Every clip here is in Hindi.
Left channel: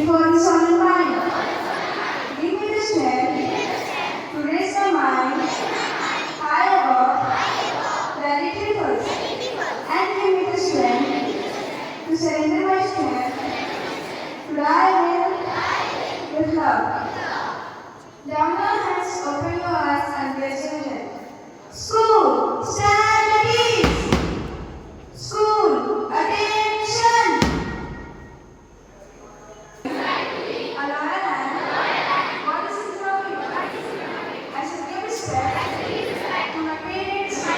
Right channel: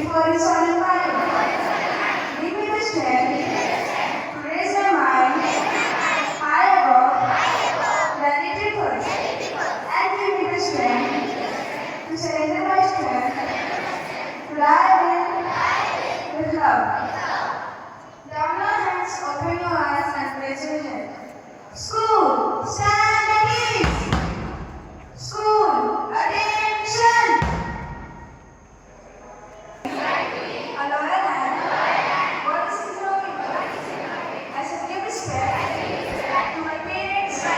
before His solemn mind. Give me the strength to raise my mind high above the little first, and give me the strength to surrender my strength to thy will with love. Down your hands, open your eyes, and raise your head. School, stand at ease. School, attention. A loyal hand. What is his love? I shall give respect to my parents, to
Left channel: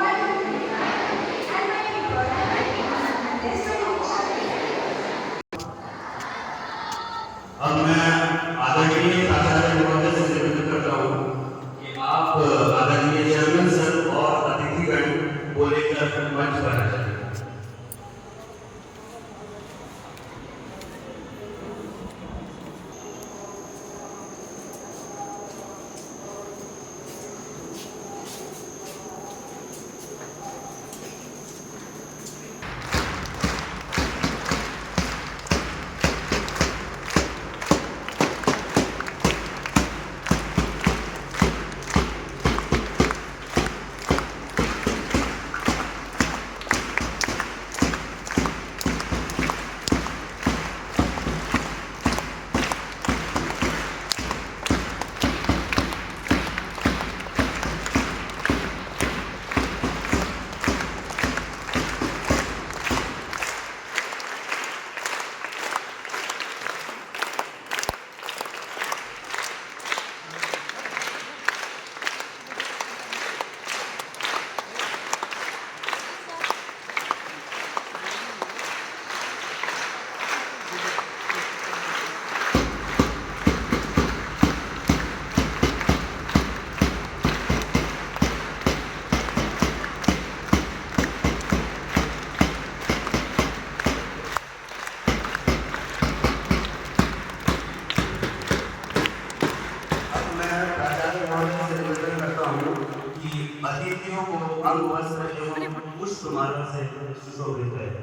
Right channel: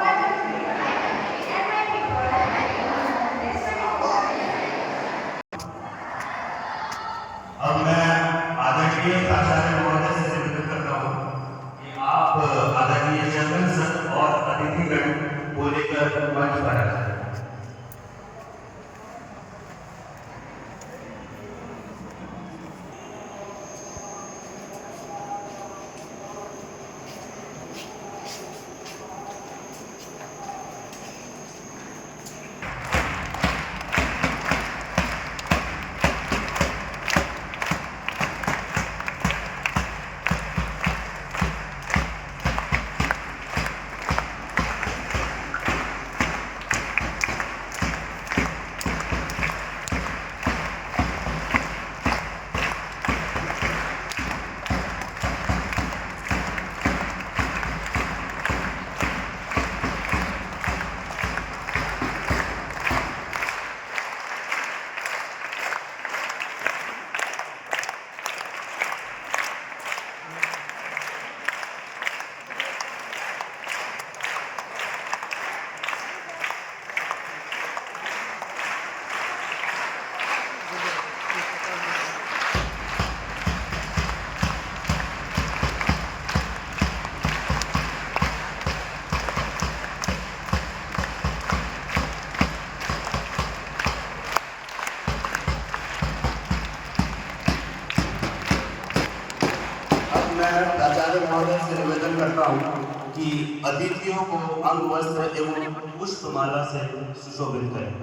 my family, and my people. This is अब मैं आदरणीय प्राचार्य महोदय से निवेदन करता हूँ कि आप आदरणीय चेयरमैन सर और अतिथिगण को लेकर मंच पर आ जाएं। अतिथियों को अंग वस्त्र एवं पुष्पमाला से सुशोभित करें।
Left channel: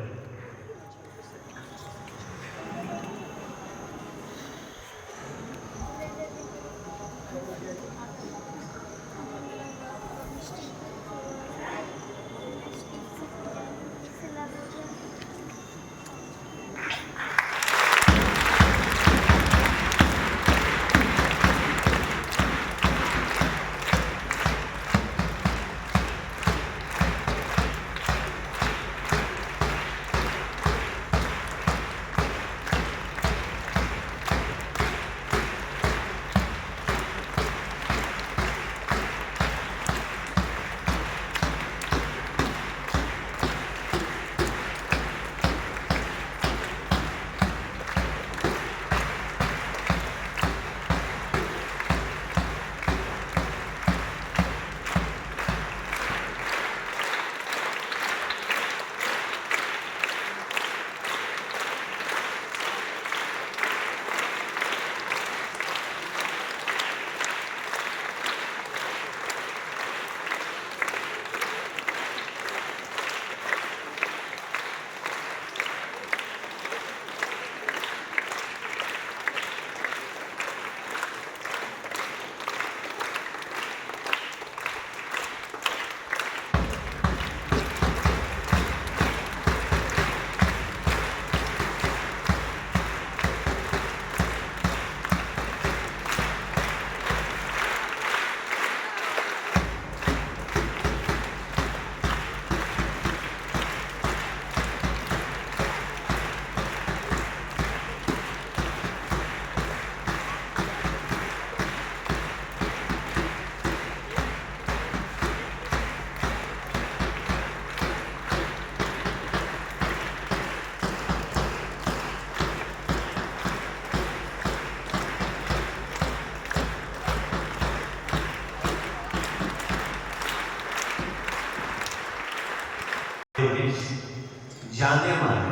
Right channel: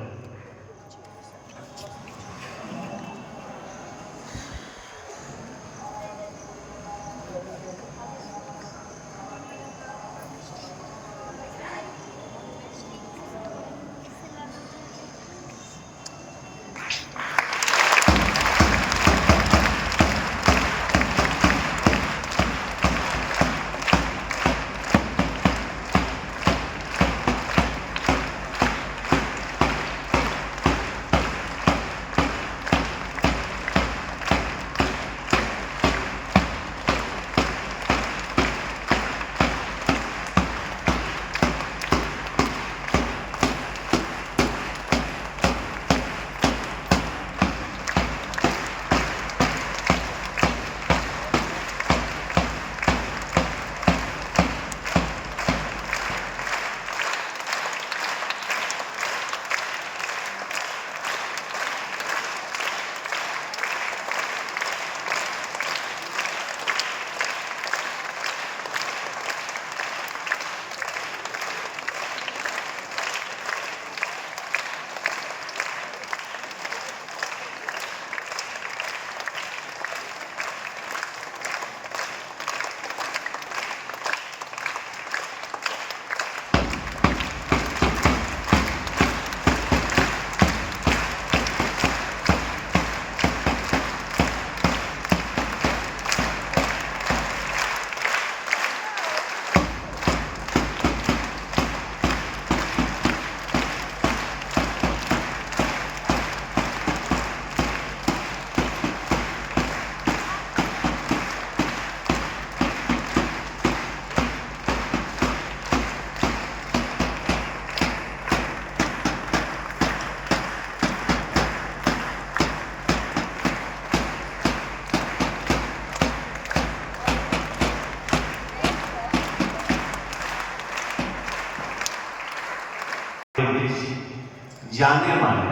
जाने माने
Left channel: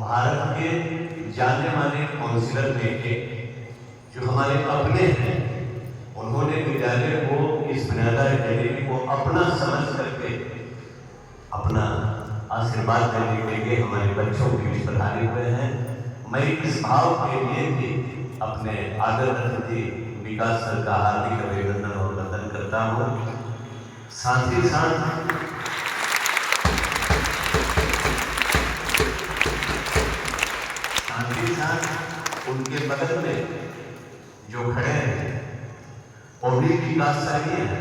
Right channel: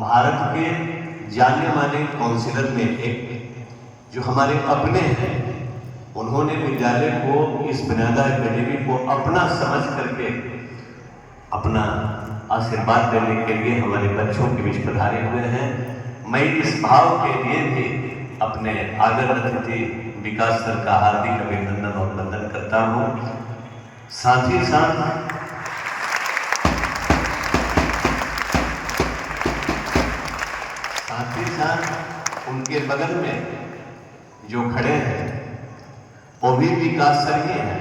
भारत के जाने माने काउंसिलर में एक जो हमारे अपने हैं, उन्होंने विद्यालय को इस बुनियादा अकेडमी को अपना समझ करके अपना आशीर्वाद देने के लिए हमारे बच्चों के बीच पधारे हुए हैं। मैं इस भाव के लिए भी अपने आदर अतिथि विकास सर का हार्दिक अभिनंदन और वंदन करता हूँ। साथ ही साथ उनके बगल में जो खड़े हैं वो भी विकास सर ही हैं।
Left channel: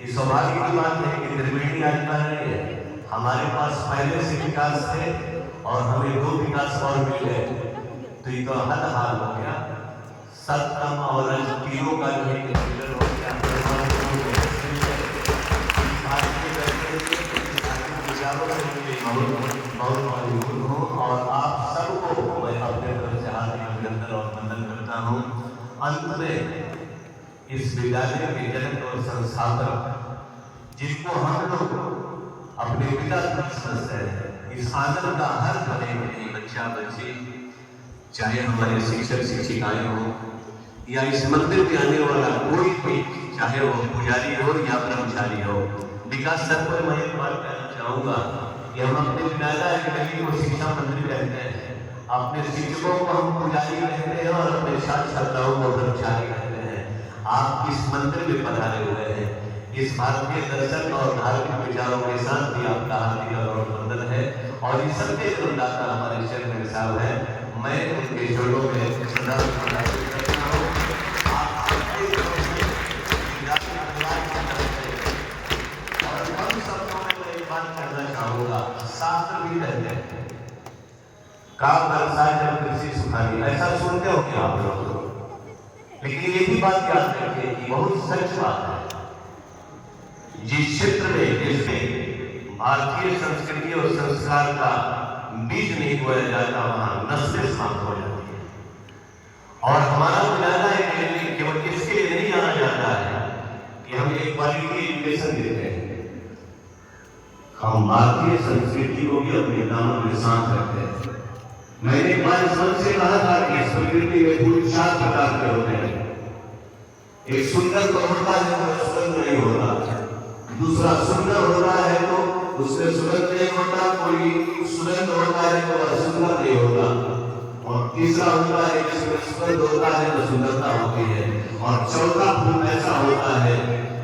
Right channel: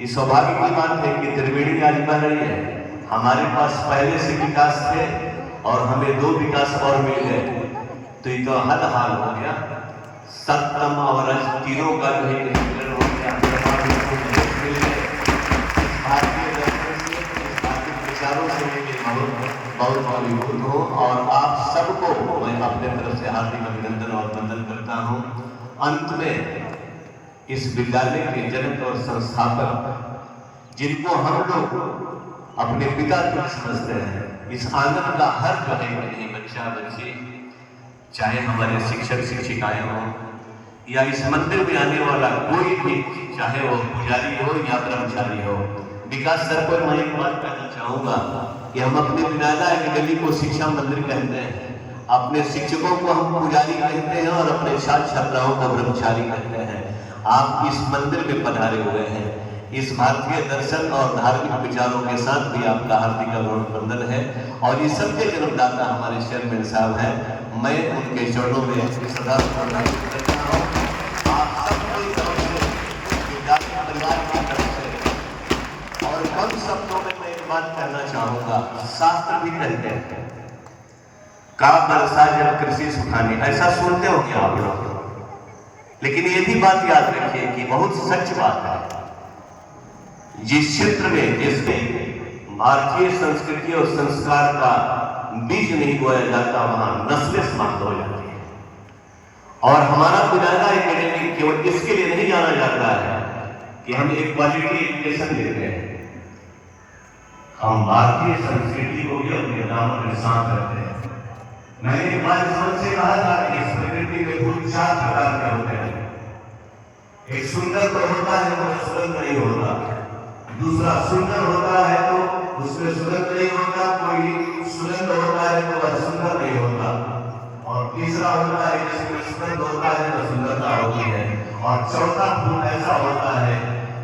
इस सौभाग्य की बात है कि त्रिवेणी आज कह रही है हमारे पास पहले से विकास थे और हमें 2 विकास और मिल गए, तो ये तो हद हाल हो गया। सप्तम और रज तीनों का जो है मिलन हो गया। भारतीय विचारों से बहुत युक्त हूँ और आप सबको मैं अपने तरफ से हार्दिक अभिनंदन और वंदन करता हूँ। अंत में इस विद्यालय के जनक और संस्थापक जिनको हम लोग अपने पिता को समझते हैं, इस आंगन का हर जो है बच्चा बच्ची, चाहे हमारे शिक्षक शिक्षिकाएं हों या इस मंदिर में आने वाला कोई भी, चाहे वो पुजारी हो या कर्मचारी हो, विकास सर को मैं एक बात कहना चाहूँगा कि हम अपने विद्यालय अकेडमी को शिक्षा मंदिर कहते हैं, अपने शिक्षकों को हम पुजारी कहते हैं और अपने छात्र छात्राओं को ब्रह्मचारी कहते हैं। आप इस मंदिर में पधारे हुए हैं, इस भारतीय दर्शन और धार्मिक विचारों के साथ भी आपका हार्दिक अभिनंदन है और ये सबके जन्मदाता हमारे चेयरमैन साहब हैं। मैं उनके चरणों में सदा प्रणाम करता हूँ। आप सबके तरफ से, विद्यार्थी परिवार की तरफ से, और कम शब्दों में मैं एक बात कहना चाहूँगा, शास्त्र भी कहते हैं का बरसा जब कृषि सुखानी, ऐसा सुनते हो क्या आप लोग? लेकिन ये भी बात याद रखिए कि बहुत सच बात है, जिस क्षेत्र में जिसमें भारतीय संस्कृति और संस्कार का बीज नहीं बोया जाता वहां नस्लें समाप्त हो जाती है। और हमारा विद्यालय अकेडमी केवल इसके लिए नहीं जाना जाता है कि हम एक क्वालिटी एजुकेशन देते हैं, हम भारतीय संस्कृति को भी अपने दामन में साथ रखते हैं। मैंने एक बार इस से कहा था कि इस प्रकृति में फूल 4 प्रकार के होते हैं। एक सुंदर तो होता है वो सुगंध नहीं होता, दूसरा सुंदर होता है तो उसमें सुगंध नहीं होता, कोई सुगंध होता है तो वह सुंदर नहीं होता, और तीसरा होता है जिसमें सुगंध होता है तो सुंदरता होती है, और चौथा फूल ऐसा होता है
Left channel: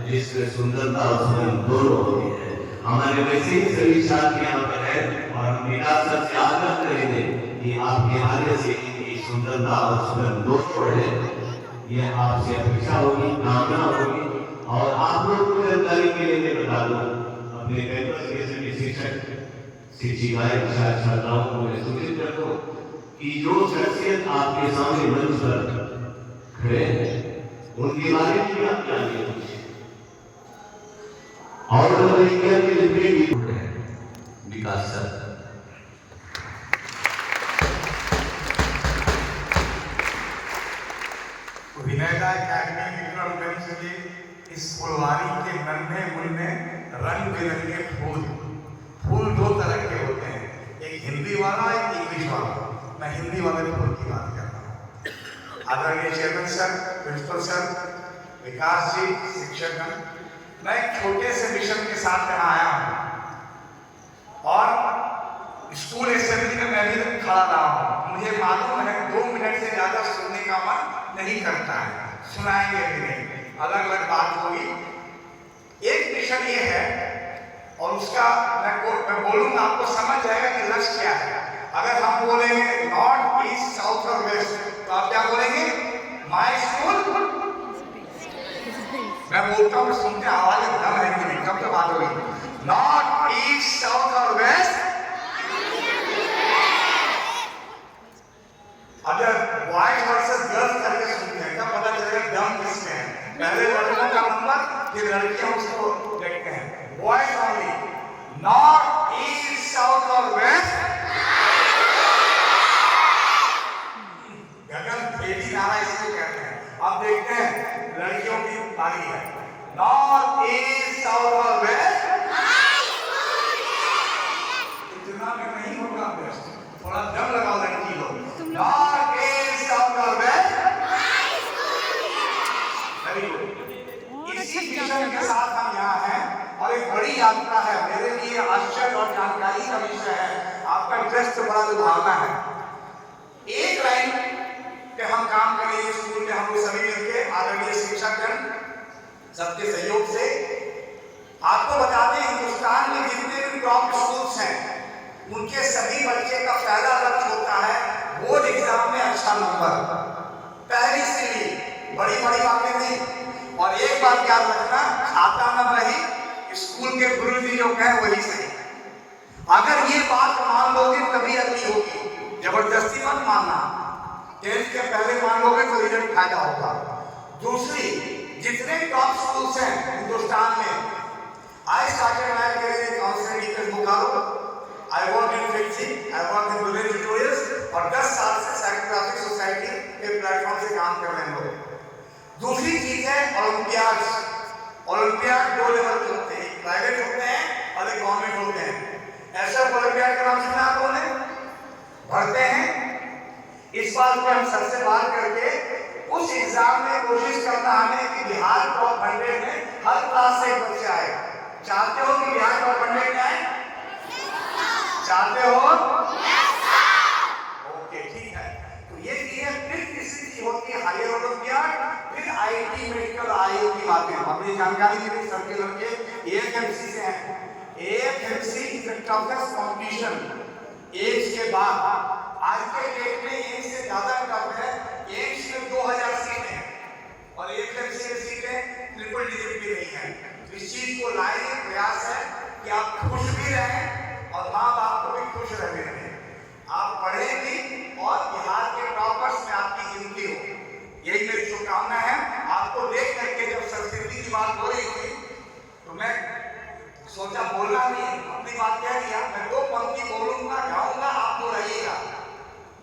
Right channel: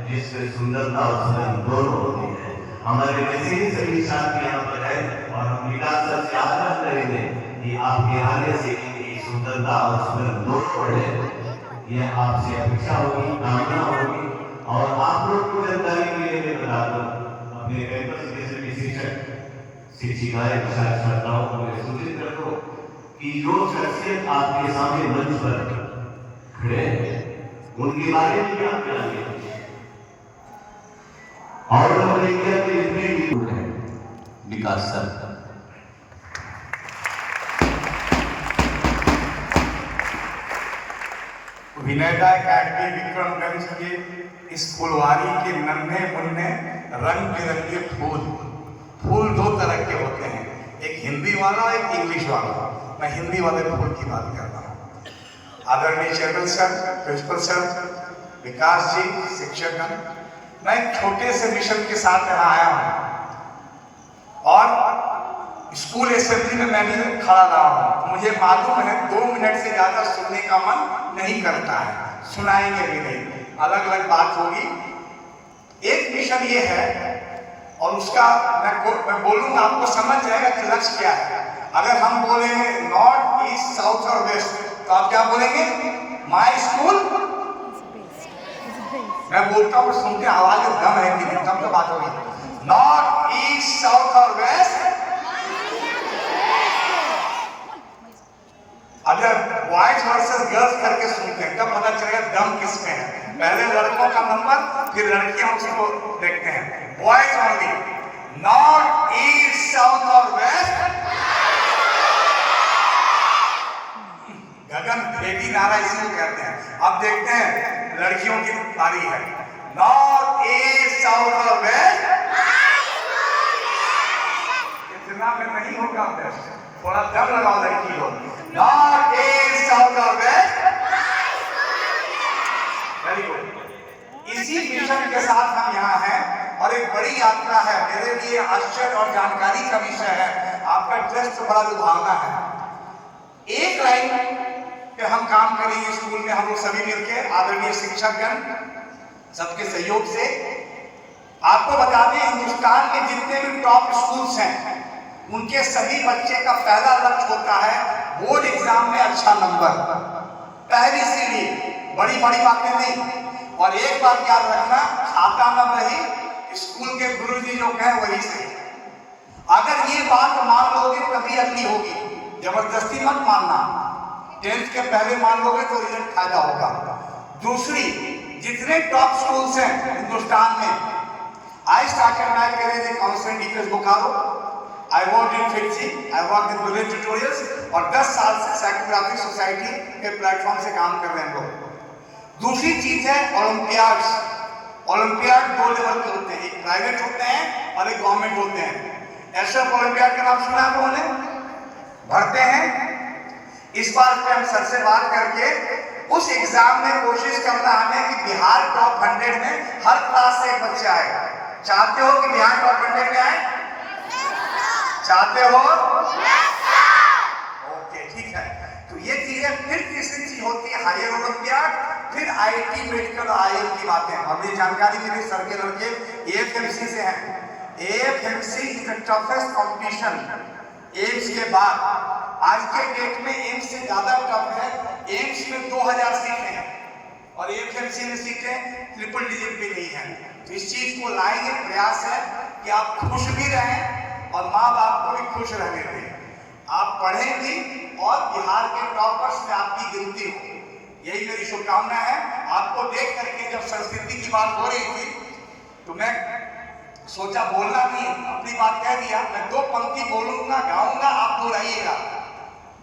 जिसमें सुंदरता और सुगंध दोनों होती है। हमारे वैसे ही सभी छात्र यहाँ पर है और हम विकास सर से आग्रह करेंगे कि आपके आने से इनकी सुंदरता और सुगंध दोनों बढ़े। यह आपसे अपेक्षा होगी, कामना होगी। और आप लोग को जानकारी के लिए मैं बता दूं, अपने कैंपस के शिक्षक शिक्षिकाएं छात्राओं को सूचित रखो कि जो शख्सियत आपके सामने मंच पर खड़े हैं उनके बारे में भी आप जानिए। और इंडिया के जितने भी विकास सर, विनयता अकेडमी विक्रमगंज के इस फुलवारी के नन्हे मुन्ने रंग बिरंगे फूल 2 तरह के होते हैं, एक हिंदी वाला एक इंग्लिश वाला। मैं हिंदी वाले फूल की बात कर रहा हूँ। आदरणीय चेयरमैन सर, प्रिंसिपल सर, विकास जी, शिक्षकगण, मैं एक छोटे से मिशन के साथ यहाँ आया हूँ और स्कूल असेंबली में मैं भी खड़ा रहा हूँ। मुझे मालूम है 2 मिनट से ज्यादा सुनने का मन नहीं करता है, सुनाएंगे भी नहीं, अलग अलग बात होगी। एक मिशन ये है और उसका मैं बोलूंगा, आपको समझ जाएगा कि लक्ष्य क्या है। अगर हम बोलेंगे नॉर्थ, ईस्ट, साउथ और वेस्ट, तो आप क्या बोलेंगे? My school. मैं बोलता हूँ, सुनते आवाज दम है कि नहीं, कब तो बात होगी। नॉर्थ, ईस्ट, साउथ और वेस्ट। अगर बॉयज वर्सेस गर्ल्स करके सुनते हैं तब पता चलेगा दम किसमें है। पहले लड़कों का नंबर, फिर लड़कियां उसको देखते हैं। Boys only, north, east, south और वेस्ट। गगन भेदी नारा इसी को कहते हैं। अब देखते हैं लड़कियों की पारी है। नॉर्थ, ईस्ट, साउथ और वेस्ट। इतना में नहीं होगा बेस्ट, थोड़ा दम लगाओ लड़की लोग। नॉर्थ, ईस्ट, साउथ और वेस्ट। Very good. इसी मिशन के साथ हम यहाँ हैं और एक बड़ी यात्रा है। मेरे लिए आश्चर्य और जानकारी का विषय है। आपका ड्रेस तो बड़ा लुभावना है। एक पे हम काम करेंगे स्कूल में, हम लोग सभी मिलके आदरणीय शिक्षकगण सबके सहयोग से। आपको बता दें, हिंदुस्तान में जितने भी टॉप स्कूल्स हैं उनके सभी बच्चे का पहला लक्ष्य होता है बोर्ड एग्जाम में अच्छा नंबर, पहली सीढ़ी, बड़ी बड़ी बातें नहीं। और एक बात याद रखना, खाता न रही, स्कूल के गुरुजी जो कहें वही सही। अगर ये बात मान लोगे तभी अगली होगी, जबरदस्ती मत मानना। 10th के पहले मान लोगे तो रिजल्ट फायदा होगा। दूसरी, जितने टॉप स्कूल्स हैं हिंदुस्तान में, I started my career in counselling DPS Bokaro, I work in fixie, I work in bullet tutorials, और 10 साल से साइकोग्राफिक सोसाइटी के प्लेटफॉर्म से काम कर रहे हैं लोग। दूसरी चीज है ओलंपियाड्स। ओलंपियाड 2 लेवल के होते हैं, एक प्राइवेट होते हैं और एक गवर्नमेंट होते हैं। एसएफ ओलंपियाड का नाम सुना आप लोगों ने? भरते हैं। इस बार हम सर से बात करके उस एग्जाम में कोशिश करना हमें कि बिहार टॉप 100 में हर क्लास से एक बच्चा आए। चाहते हो कि बिहार टॉप 100 में आए? चाहते हो? ओके, ठीक है। तो ये चीजें फिर तीसरी चीज होती है हायर ओलंपियाड, फिर आईटी, मेडिकल, आईएल की बातें। अपनी जानकारी मिली सर के लड़के एएफएमसी से हैं। AFMC is the toughest competition AIIMS के बाद। आज के डेट में एम्स से ज्यादा टफ है। एम्स में 2000 सीटें हैं और एएफएमसी में सीटें ट्रिपल डिजिट भी नहीं है। तो इस चीज को लाएंगे, प्रयास है कि आप खुश भी रहें और माँ बाप को भी खुश रहने दें। आप पढ़ें भी और बिहार के टॉपर्स में आपकी गिनती हो, यही मेरी शुभकामना है। आपको देख करके जब संस्कृति की बात हो रही थी तो मैं सोचा बोलना नहीं, अपनी बात कह दिया। मैं 2 पंक्ति बोलूंगा, गाऊंगा, आप 2 रहिएगा।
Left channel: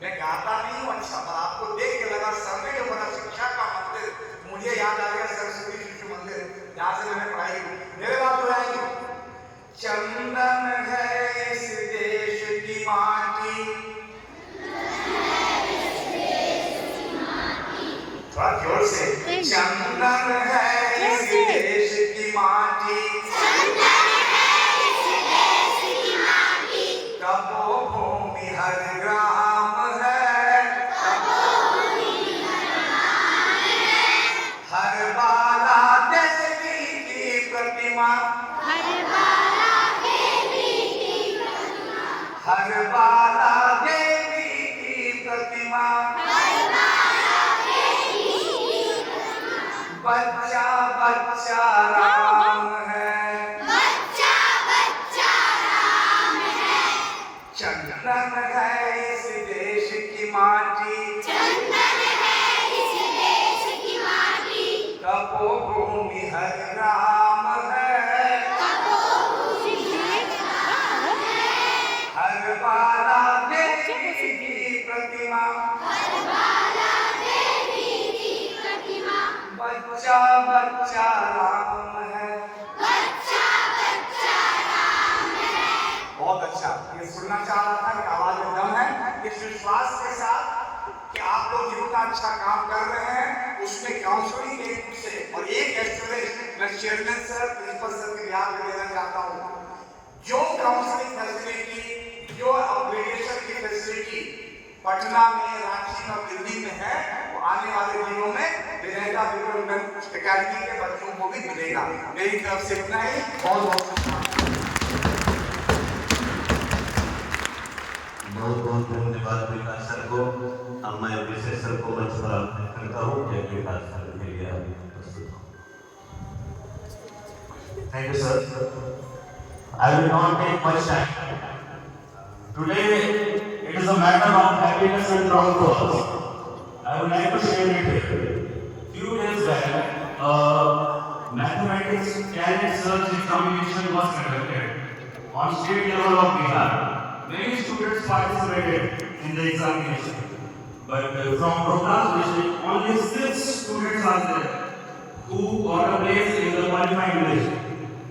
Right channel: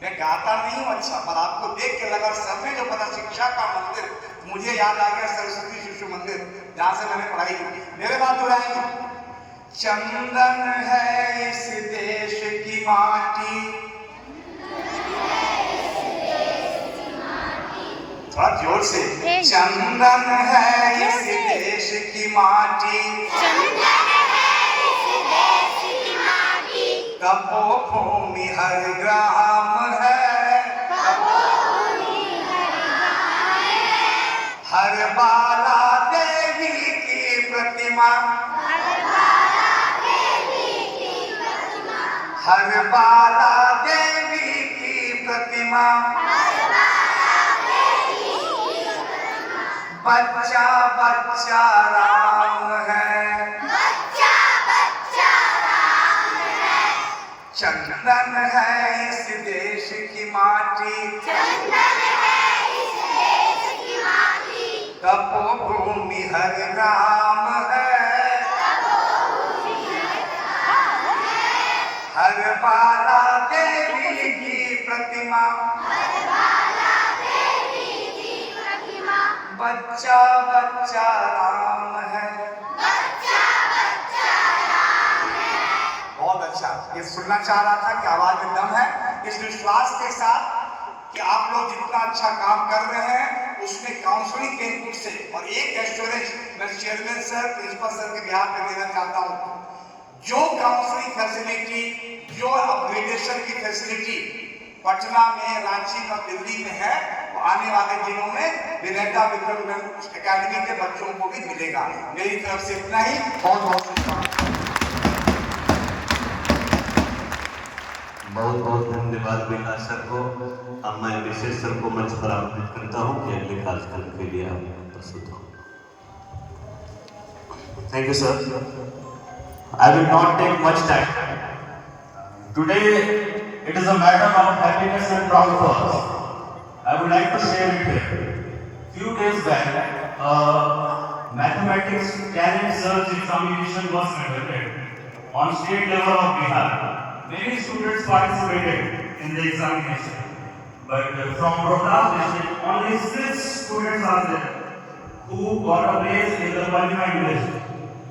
मैं गाता नहीं हूँ अच्छा, पर आपको देख के लगा सर ने जो पता शिक्षा का मंदिर, मुझे याद आ गया सरस्वती शिशु मंदिर जहाँ से मैंने पढ़ाई की। मेरे बात हो जाएगी। चंदन है इस देश की माटी, थोड़ा जोर से, चंदन है इस देश की माटी, तपोभूमि हर ग्राम है, हर बाला देवी की प्रतिमा, हर बाला देवी की प्रतिमा, बच्चा बच्चा राम है, चंदन है इस देश की माटी, तपोभूमि हर राम है, हर बाला देवी की प्रतिमा, बच्चा बच्चा राम है। बहुत अच्छा, ये सुनना चाह रहा था कि आवाज में दम है। इस विश्वास के साथ कि आप लोग जितना अच्छा काम कर रहे हैं उसमें काउंसलिंग के इनपुट से, और एक एश्योरेंस मैं चेयरमैन सर, प्रिंसिपल सर के बिहार पे देना चाहता हूँ, जो काउंसलिंग फैसिलिटी, जो अपग्रेडेशन की फैसिलिटी पटना में, रांची में, दिल्ली में है, आने वाले दिनों में विनेटा विक्रम अकेडमी के बच्चों को भी मिलेगा। मेरी तरफ से इतना ही। बहुत बहुत धन्यवाद विकास सर को। अब मैं विशेष सर को मंच पर आमंत्रित करता हूँ कि अगले कार्यक्रम के लिए प्रस्तुत हो। Thank you, sir. I will not take much time. Today, it is a matter of happiness and proud for us. I would like to share it here. Few days back, mathematics talent search examination was conducted on state level of Bihar. Many students participated in the examination, but from Rohtas district, only 6 students are there who got a place in the qualified list.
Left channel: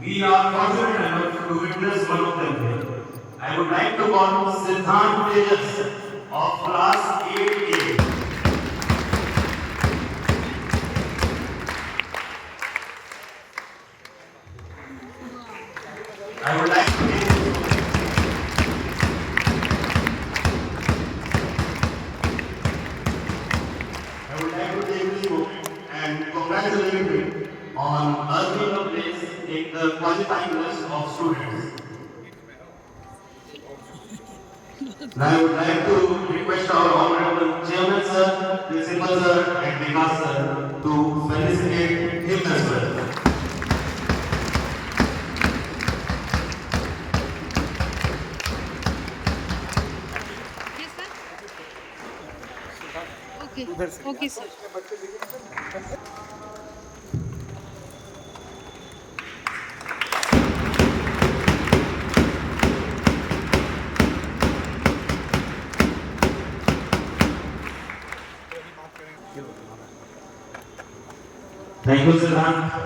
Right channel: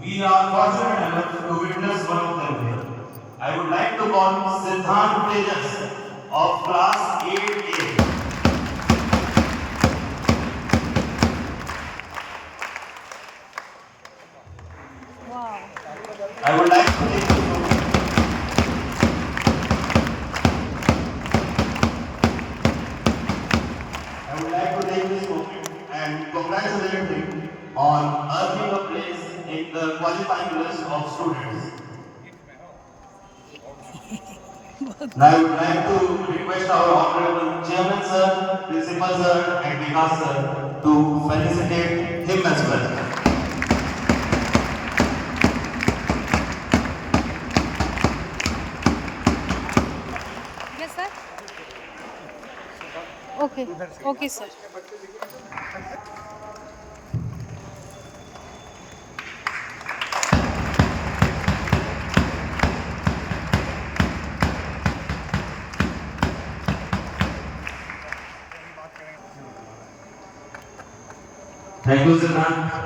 We are fortunate enough to witness one of them here. I would like to call Siddhant Tejas of class 8A. I would like to take on earning a place in the qualifying list of students. Now I would like to request our Honorable Chairman Sir, Principal Sir and Vikas Sir to felicitate him as well. Yes, sir. Okay. Okay, sir. Thank you, Siddhant.